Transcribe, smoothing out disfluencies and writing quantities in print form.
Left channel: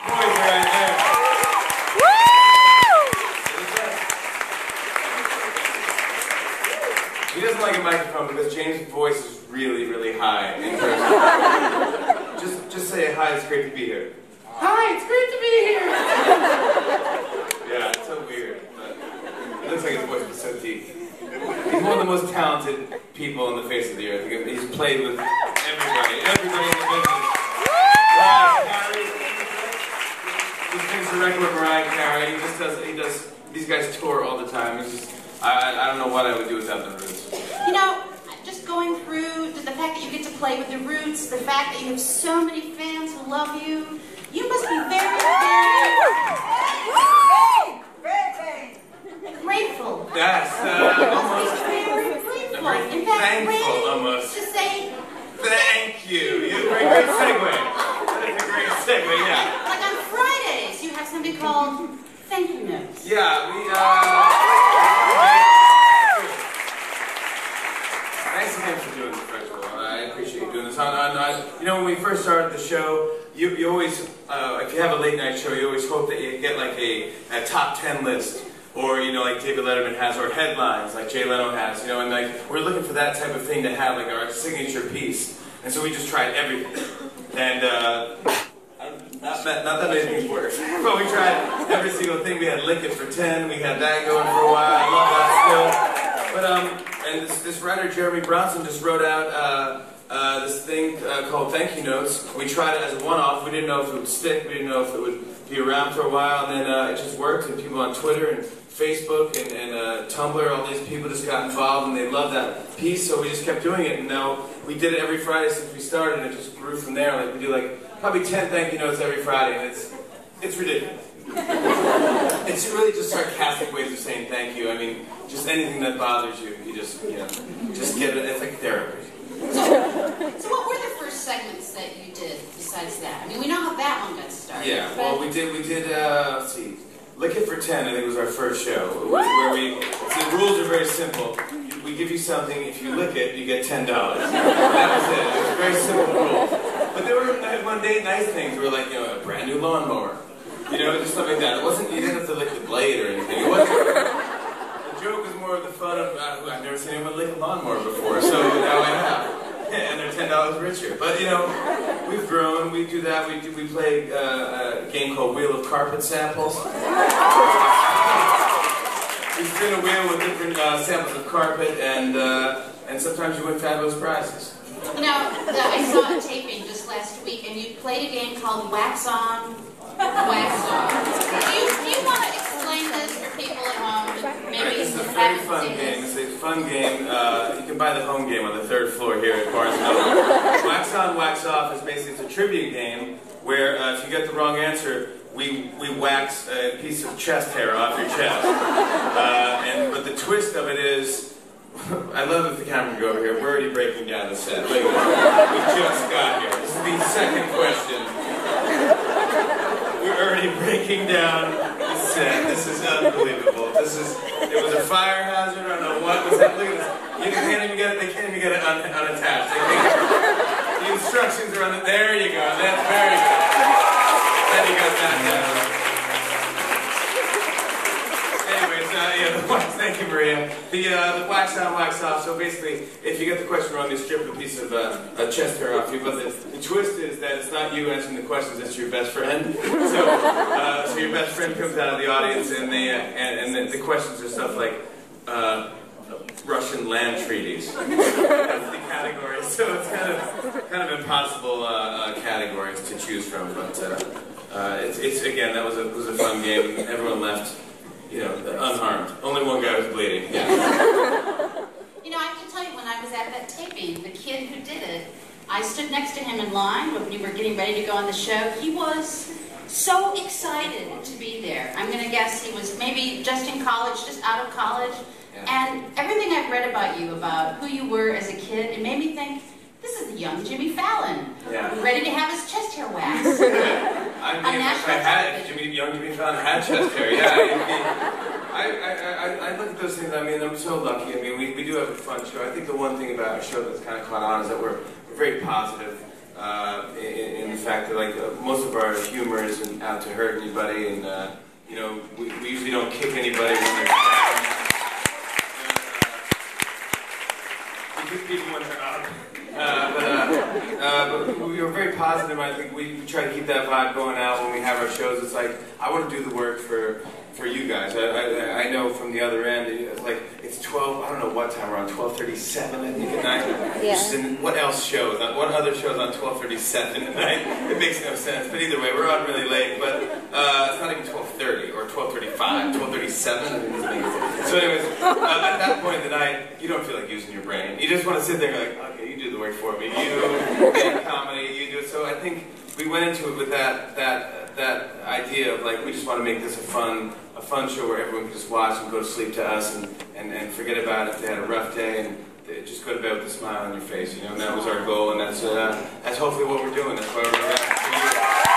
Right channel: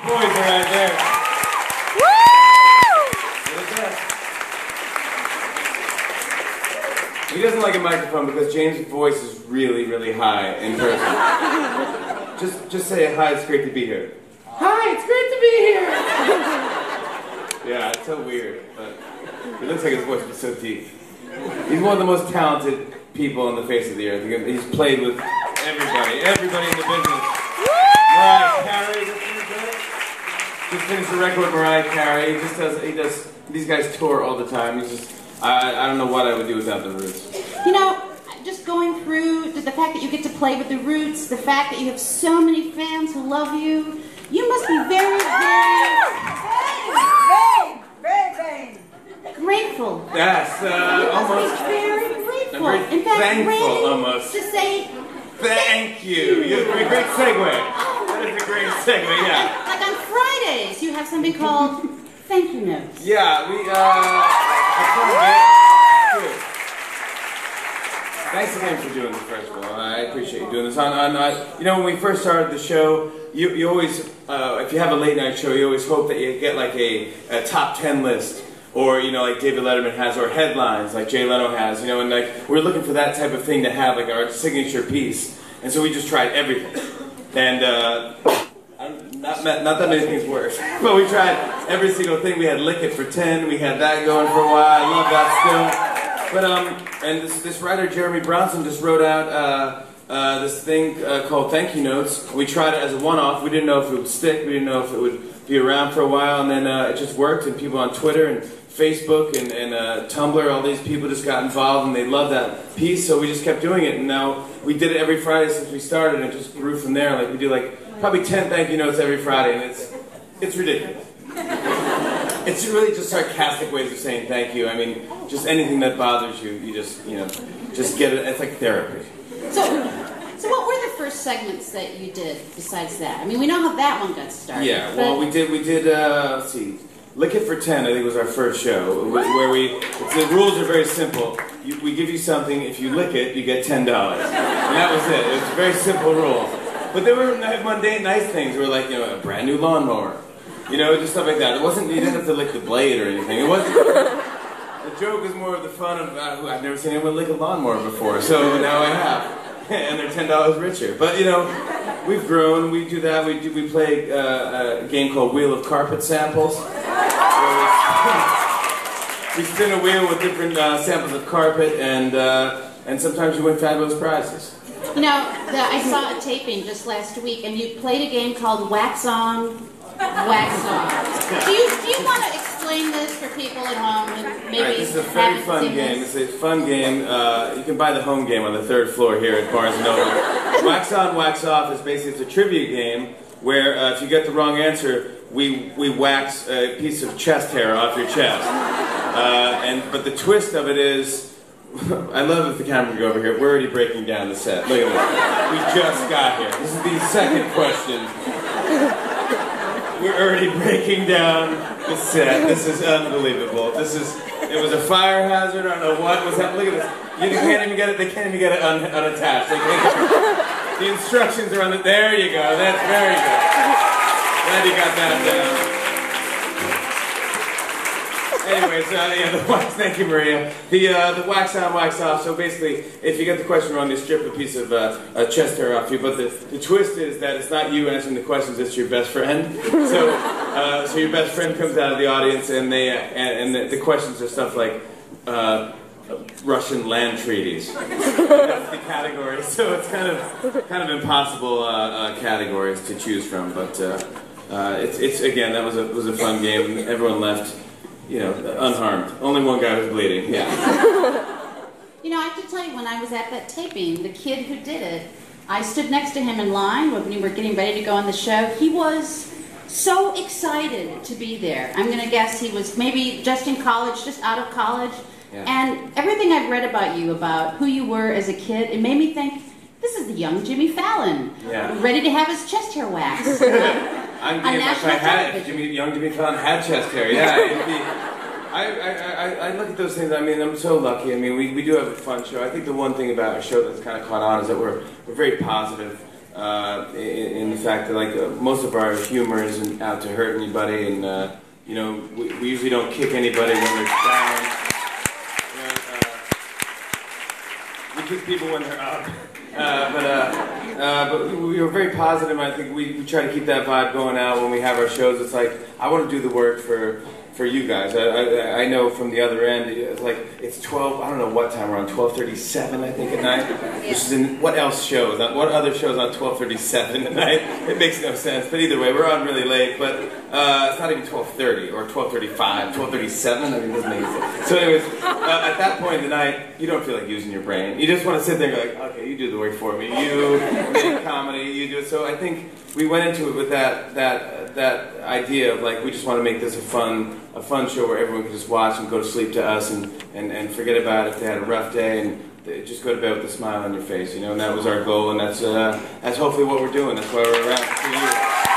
Boys are right there. Woo! He doesn't like a microphone because James' voice is really, really high in person. Just say hi, it's great to be here. Hi, it's great to be here. Yeah, it's so weird, but it looks like his voice is so deep. He's one of the most talented people on the face of the earth. He's played with everybody in the business. Mariah Carey, he finished the record with Mariah Carey. He does. These guys tour all the time. I don't know what I would do without the Roots. You know, just going through the fact that you get to play with the Roots, the fact that you have so many fans who love you, you must be very, very grateful. Yes, almost. Very grateful. Very in fact, thankful, almost. To say thank you. You have a great segue. That is a great segue, yeah. Like on Fridays, you have something called Thank You Notes. Yeah, thanks again for doing this, first of all. I appreciate you doing this. You know, when we first started the show, you always, if you have a late night show, you always hope that you get like a top 10 list. Or, you know, like David Letterman has, or headlines like Jay Leno has, you know, and like, we're looking for that type of thing to have, like our signature piece. And so we just tried everything. And, not that many things work, but we tried every single thing. We had Lick It for 10, we had that going for a while, I love that still. But, and this writer, Jeremy Bronson, just wrote out, this thing called Thank You Notes. We tried it as a one-off. We didn't know if it would stick, we didn't know if it would be around for a while, and then it just worked, and people on Twitter and Facebook and Tumblr, all these people just got involved and they loved that piece, so we just kept doing it, and now we did it every Friday since we started, and it just grew from there. Like we do like probably 10 thank you notes every Friday, and it's ridiculous. It's really just sarcastic ways of saying thank you. I mean, just anything that bothers you, you just get it. It's like therapy. So what were the first segments that you did besides that? I mean, we know how that one got started. Yeah, well, we did, let's see, Lick It for 10, I think was our first show. It was where the rules are very simple. We give you something, if you lick it, you get $10. And that was it. It was a very simple rule. But there were mundane, nice things. We were like, a brand new lawnmower. Just stuff like that. It wasn't, you didn't have to lick the blade or anything. It wasn't. The joke is more of the fun of, I've never seen anyone lick a lawnmower before, so now I have. And they're $10 richer. But, we've grown. We do that. We play a game called Wheel of Carpet Samples. We spin a wheel with different samples of carpet, and sometimes you win fabulous prizes. I saw a taping just last week, and you played a game called Wax On, Wax Off. Do you want to explain this for people at home? This is a very fun game. It's a fun game. You can buy the home game on the 3rd floor here at Barnes & Noble. Wax On, Wax Off is basically it's a trivia game where if you get the wrong answer, we wax a piece of chest hair off your chest. But the twist of it is, I love if the camera can go over here. We're already breaking down the set. Look at this. We just got here. This is the second question. We're already breaking down the set. This is unbelievable. It was a fire hazard. I don't know what was happening. Look at this. You can't even get it. They can't even get it unattached. The instructions are on it. There you go. That's very good. Glad you got that down. Anyways, thank you, Maria. The wax on, wax off. So basically, if you get the question wrong, they strip a piece of chest hair off you. But the twist is that it's not you answering the questions; it's your best friend. So your best friend comes out of the audience, and the questions are stuff like Russian land treaties. That's the category. So it's kind of impossible categories to choose from. But it's again, that was a fun game. Everyone left. Unharmed. Only one guy was bleeding. Yeah. I have to tell you, when I was at that taping, the kid who did it, I stood next to him in line when we were getting ready to go on the show. He was so excited to be there. I'm going to guess he was maybe just in college, just out of college. Yeah. And everything I've read about you, about who you were as a kid, it made me think, this is the young Jimmy Fallon, ready to have his chest hair waxed. I'm thinking if I had young Jimmy Fallon had chest hair. Yeah. I look at those things. I mean, I'm so lucky. I mean, we do have a fun show. I think the one thing about our show that's kind of caught on is that we're very positive. in the fact that like most of our humor isn't out to hurt anybody, and you know, we usually don't kick anybody when they're down. We kick people when they're up. But we were very positive. I think we try to keep that vibe going out when we have our shows. It's like, I want to do the work for you guys. I know from the other end, it's like, it's 12, I don't know what time we're on, 12:37 I think at night. Yeah. What else shows? What other shows on 12:37 at night? It makes no sense. But either way, we're on really late. But it's not even 12:30 or 12:35, 12:37. I mean, it doesn't make sense. So anyways, at that point in the night, you don't feel like using your brain. You just want to sit there and go like, okay, you do the work for me. You make comedy, you do it. So I think we went into it with that idea of like, we just want to make this a fun show where everyone can just watch and go to sleep to us and forget about it if they had a rough day and just go to bed with a smile on your face, you know, and that was our goal, and that's hopefully what we're doing. That's why we're at for you.